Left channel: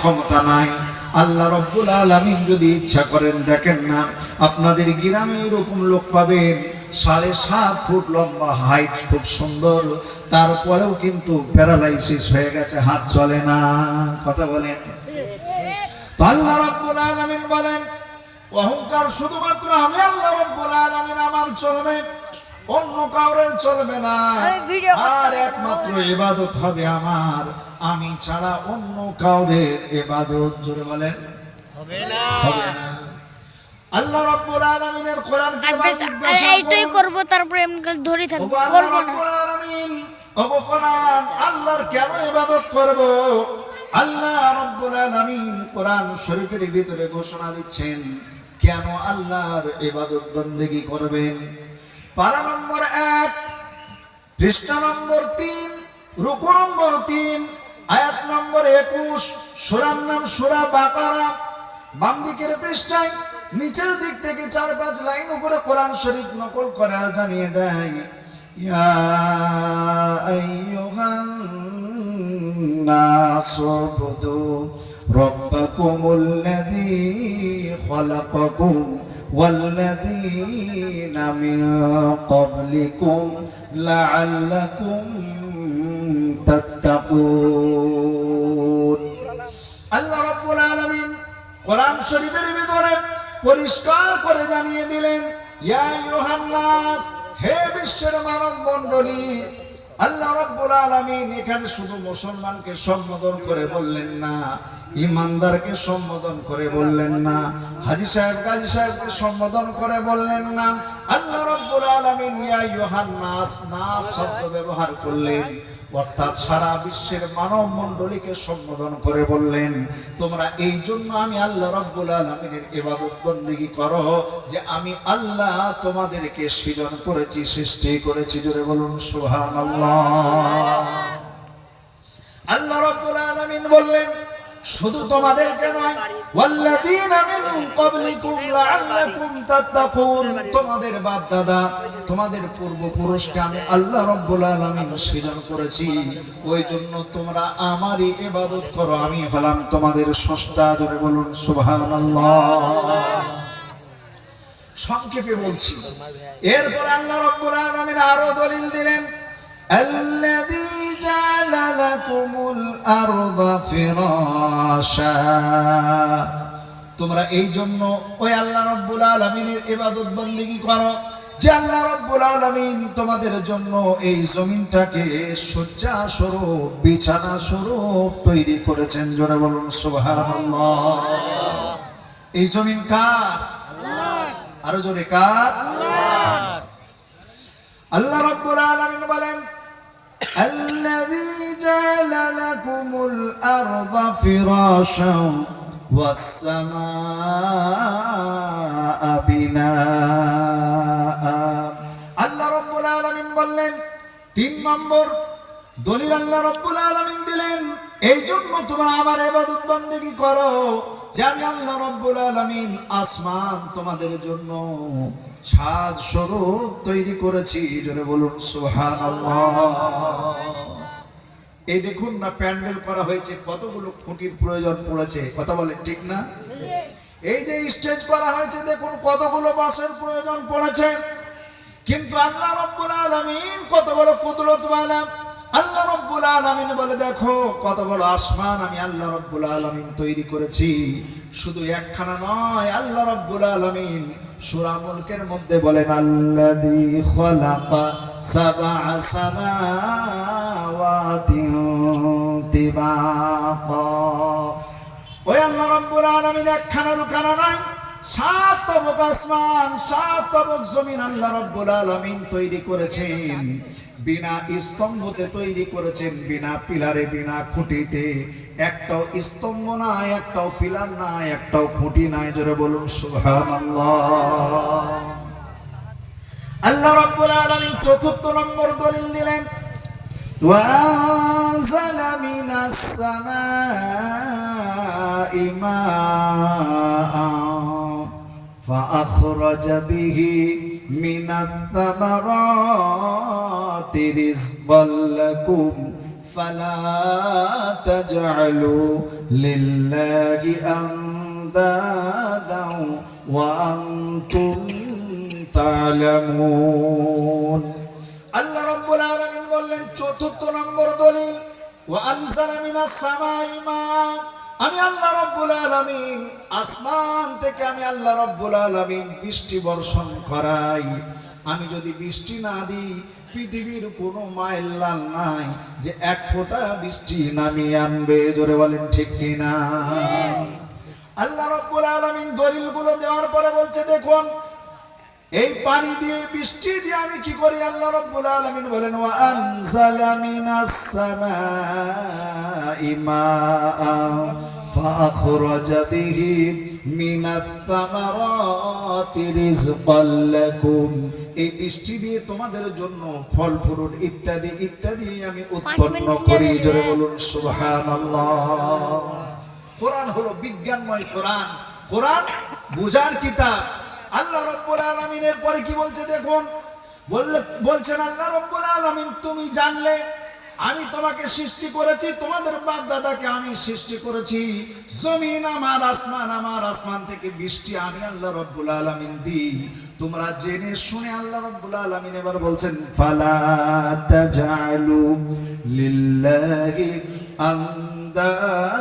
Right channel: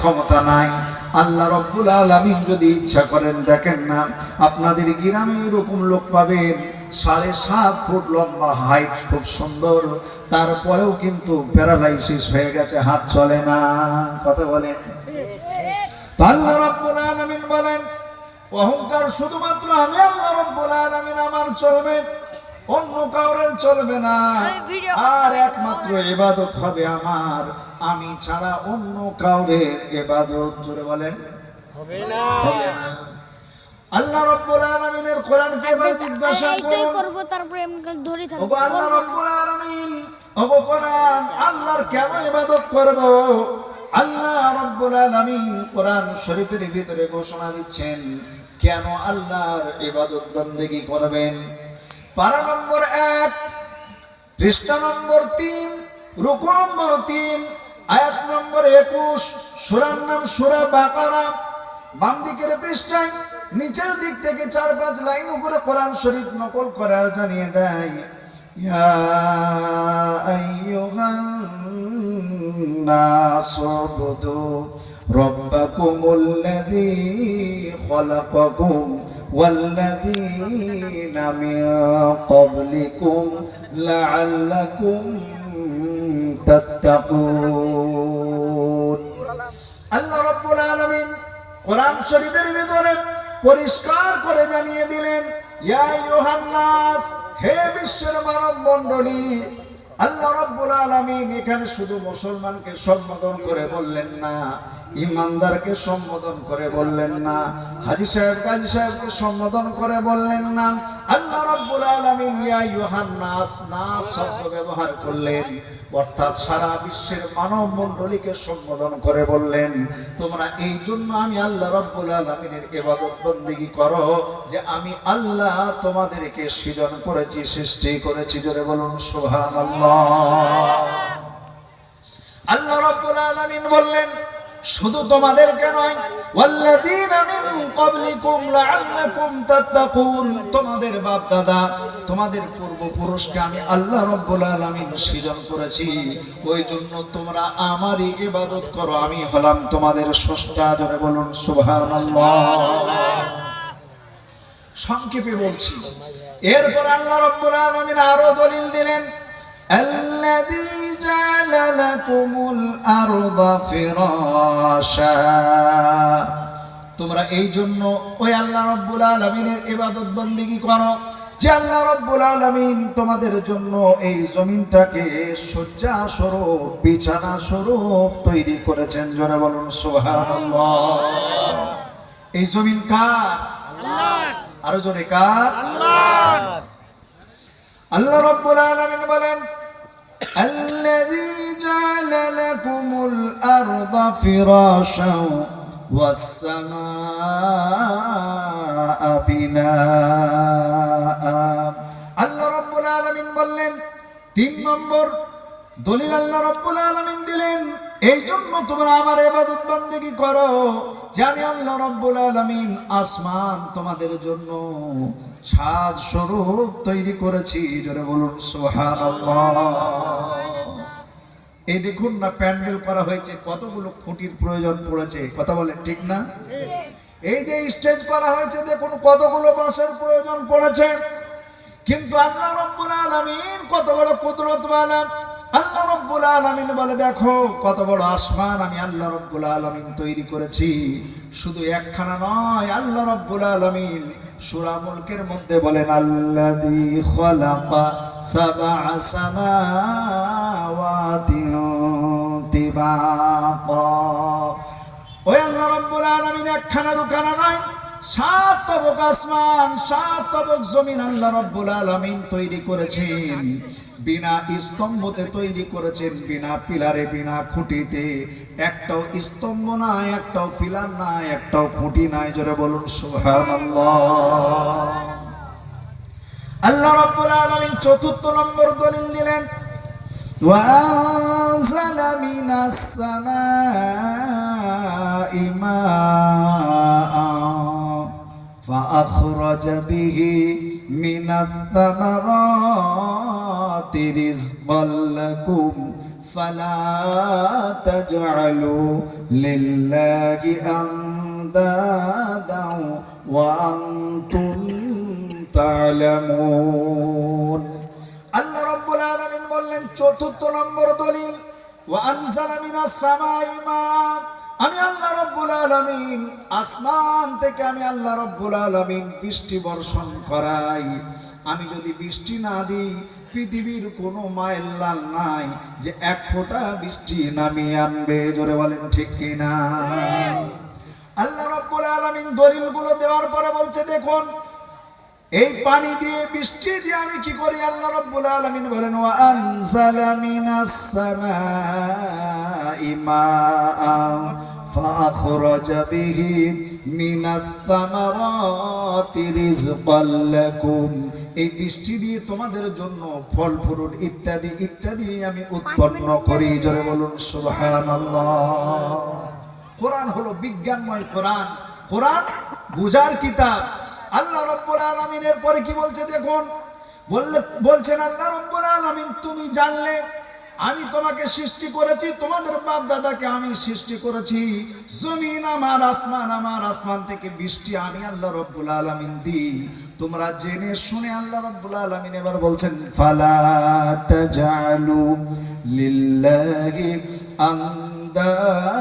ক্ষমতা নাই। আল্লাহ রব্বুল আলামিন যদি ইচ্ছা করেন, দেখেন না আপনাদের গ্রামে এরকম লোক পাবেন 7.5 ফুট লম্বা, হাইট খুব সুন্দর, তারপরেও কিন্তু প্যারালাইসিস হয়ে গেছে, হাত চলে না। কথা বলেন। আল্লাহ রব্বুল আলামিন বলেন, অহংকার শুধুমাত্র আমি আল্লাহ রব্বুল আলামিন আমার চলবে, অন্য কাউরের চলবে না। আর একমাত্র ইবাদত হবে আমার, আমি ছাড়া অন্য কাউরের ইবাদত জোরে বলেন হবে না। আল্লাহ রাব্বুল আলামিনের কোরআনকে এইটাই করব, তারপরে এমনি ধরে থাকব। আল্লাহ রাব্বুল আলামিন ওগো কোরআন, আল্লাহর কেন ইবাদত করব? আল্লাহ রাব্বুল আলামিন কোরআন শরীফের ভিতরে ঘোষণা দিচ্ছেন কেন আল্লাহর ইবাদত বন্দেগী করবেন। পারা নম্বর 1, পৃষ্ঠা নম্বর 3, রুকু নম্বর 3, আয়াত নম্বর 21, সূরার নাম সূরা বাকারা। বাম দিকের পৃষ্ঠায় নিচের দিক থেকে 4-5 লাইন উপরে কোরআন শরীফ নকল করে আর জানিয়ে দেয়, ইয়া আইয়ুহান নাসু বুদু রাব্বাকুমুল্লাযী খালাকাকুম ওয়াল্লাযীনা মিন ক্বাবলিকুম লাআল্লাকুম তাত্তাকুন। আল্লাহ রাব্বুল আলামিন কোরআন শরীফের ভিতরে পরিষ্কার করে জানিয়ে দিলেন, ইয়া আইয়ুহান নাস, হে বিশ্বের মানব মণ্ডলী। আল্লাহ রাব্বুল আলামিন এখানে শুধু মুসলমানকে সম্বোধন করে বললেন না, ইমানদারকে সম্বোধন করে বললেন না, হাজী সাহেব গাজী সাহেবকে সম্বোধন করে বললেন না। আল্লাহ রাব্বুল আলামিন ইয়া আইয়ুহান নাস, নাস শব্দ ব্যবহার করলেন, অর্থাৎ সারা বিশ্বের মানব মণ্ডলীকে সম্বোধন করে বললেন, তোমরা এই জন্য আমি আল্লাহ রাব্বুল আলামিনের ইবাদত বন্দেগী করো যে আমি আল্লাহ তোমাদেরকে সৃজন করেছি, সৃষ্টি করেছি। জোরে বলুন সুবহানাল্লাহ। আল্লাহ রাব্বুল আলামিন বললেন শুধু তোমাদেরকে নয়, ওয়াল্লাযীনা মিন ক্বাবলিকুম লাআল্লাকুম তাত্তাকুন, তোমাদের বাপ দাদা, তোমাদের পূর্বপুরুষকে আমি আল্লাহ রাব্বুল আলামিন সৃজন করেছি, ওই জন্য তোমরা আমারই ইবাদত করো, আমি হলাম তোমাদের স্রষ্টা। জোরে বলুন সুবহানাল্লাহ। সংক্ষেপে বলছি, এরপর আল্লাহ রাব্বুল আলামিন আরো দলিল দিলেন, الذي جعل لكم الأرض فراشا, তোমরা এই জন্য ওই আল্লাহ রাব্বুল আলামিনের ইবাদত বন্দেগী করো যে আল্লাহ রাব্বুল আলামিন তোমাদের জন্য এই জমিনটাকে শয্যা স্বরূপ, বিছানা স্বরূপ তৈরি করেছেন। জোরে বলুন সুবহানাল্লাহ। এই জমিন কার? আল্লাহর। আরো জোরে কার? আল্লাহর। আল্লাহ রাব্বুল আলামিন বলেন, আল্লাযী জাআলা লাকুমুল আরদা ফিরাশান ওয়াস সামাআ বিনাআ। আল্লাহ রাব্বুল আলামিন বললেন, 3 নম্বর দলিল আল্লাহ রাব্বুল আলামিন দিলেন, এই জন্য তোমরা আমার ইবাদত বন্দেগী করো যে আমি আল্লাহ রাব্বুল আলামিন আসমান তোমাদের জন্য ছাদ স্বরূপ তৈরি করেছি। জোরে বলুন সুবহানাল্লাহ। এই দেখুন না, প্যান্ডেল করা হয়েছে, কতগুলো খুঁটির প্রয়োজন পড়েছে। কথা বলেন ঠিক না? এই যে স্টেজ করা হয়েছে, দেখুন কতগুলো বাঁশের প্রয়োজন পড়েছে। কিন্তু আল্লাহ রাব্বুল আলামিন কত বড় কুদরতওয়ালা। আল্লাহ রাব্বুল আলামিন বলে, দেখো কত বড় আসমান আমি আল্লাহ রাব্বুল আলামিন তৈরি করেছি। শুধু একখানা নয়, আল্লাহ রাব্বুল আলামিন সূরা মুলকের মধ্যে বলেন, আল্লাযী খালাকা সাবআ সামাওয়াতিন তিবাকা। ওই আল্লাহ রাব্বুল আলামিন একখানা দুখানা নয়, 7 তবক আসমান, 7 তবক জমিন আল্লাহ রাব্বুল আলামিন তৈরি করেছেন। বিনা স্তম্ভতে তৈরি করেছেন, বিনা পিলারে, বিনা খুঁটিতে। একটাও স্তম্ভ নাই, একটাও পিলার নাই, একটাও খুঁটি নাই। জোরে বলুন সুবহানাল্লাহ। আল্লাহ রাব্বুল আলামিন 4 নম্বর দলিল দিলেন, ওয়া আনজালা মিনাস সামাই মাআন فأخرج به من الثمرات رزقا لكم ফালা তাজআলু লিল্লাহি আনদাদা ওয়া আনতুম তা'লামুন। আল্লাহ রাব্বুল আলামিন বললেন চতুর্থ নম্বর দলিল, ওয়া আনজালা মিনাস সামাই মা, আমি আল্লাহ রাব্বুল আলামিন আসমান থেকে আমি আল্লাহ রাব্বুল আলামিন বৃষ্টি বর্ষণ করাই। আমি যদি বৃষ্টি না দিই পৃথিবীর কোনো মায়ের লাল নাই যে এক ফোঁটা বৃষ্টি নামিয়ে আনবে। জোরে বলেন ঠিক কিনা? আল্লাহ রাব্বুল আলামিন দলিলগুলো দেওয়ার পরে বলছে দেখুন এই পানি দিয়ে বৃষ্টি দিয়ে আমি কি করি। আল্লাহ রাব্বুল আলামিন বলেন ওয়া আনজালা মিনাস সামাই মাআন ফাআখরাজা বিহি মিনাস সামারাতি রিজকাল লাকুম। এই বৃষ্টি দিয়ে তোমাদের জন্য ফল ফ্রুট ইত্যাদি ইত্যাদি আমি উৎপন্ন করি। জোরে বলুন সুবহানাল্লাহ। কোরআন হলো বিজ্ঞানময় কোরআন, কোরআন বুঝার কিতাব। আল্লাহ রাব্বুল আলামিনের পরে কি বলছে দেখুন, বলছেন আল্লাহ রাব্বুল আলামিন তুমি জানলে আমি তোমাকে সৃষ্টি করেছি, তোমাদের বাপ দাদাকে আমি সৃষ্টি করেছি, জমিন আমার, আসমান থেকে বৃষ্টি আমি আল্লাহ রাব্বুল আলামিন দিই। তোমরা জেনে শুনে আল্লাহ রাব্বুল আলামিন এবার বলছেন ফালা তাজআলু লিল্লাহি আনদাদা